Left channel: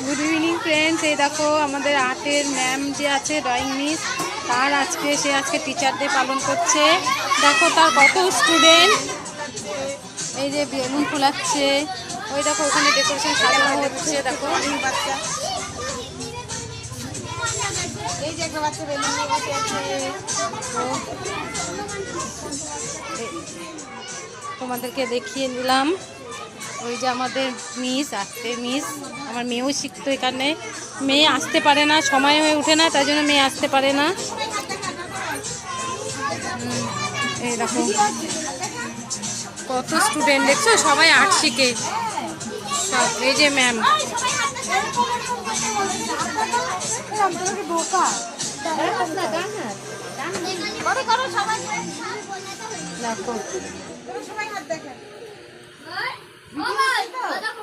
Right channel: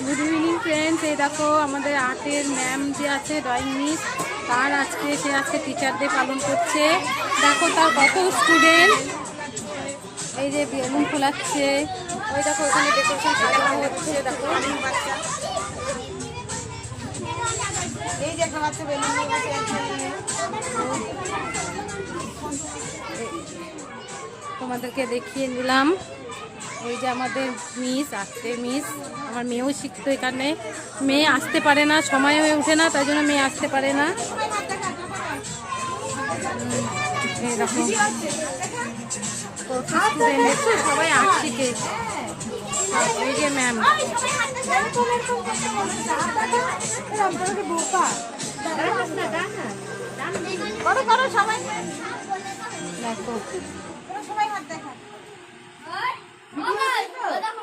Good evening friends. এই দেখো আমাদের আর্টের ম্যাম যে আছে, ড্রয়িং মিস, তার আজকে টিচার ডে পালন করছে। দেখো তার কত স্টুডেন্ট, এই যে বেলুন ফোলাচ্ছে, ওই দেখো ওখানে ডেকোরেশন সাজানো হচ্ছে। দেখো এই যে একটা বাচ্চা বেলুন নিয়ে বসে আছে। তোমাদেরকে দেখিয়ে দিলাম। ওই যে আমাদের মিস, আর্টের মিস, আমার মেয়েও শিখতো এখানে। মেয়ে আসতে পারে না, সময় হয়ে ওঠে না, তাই জন্য মেয়ে আসতে পারে না। এই দেখো কত স্টুডেন্ট, দেখছো সবাই আর্ট শিখে। এই যে ম্যাম, দেখো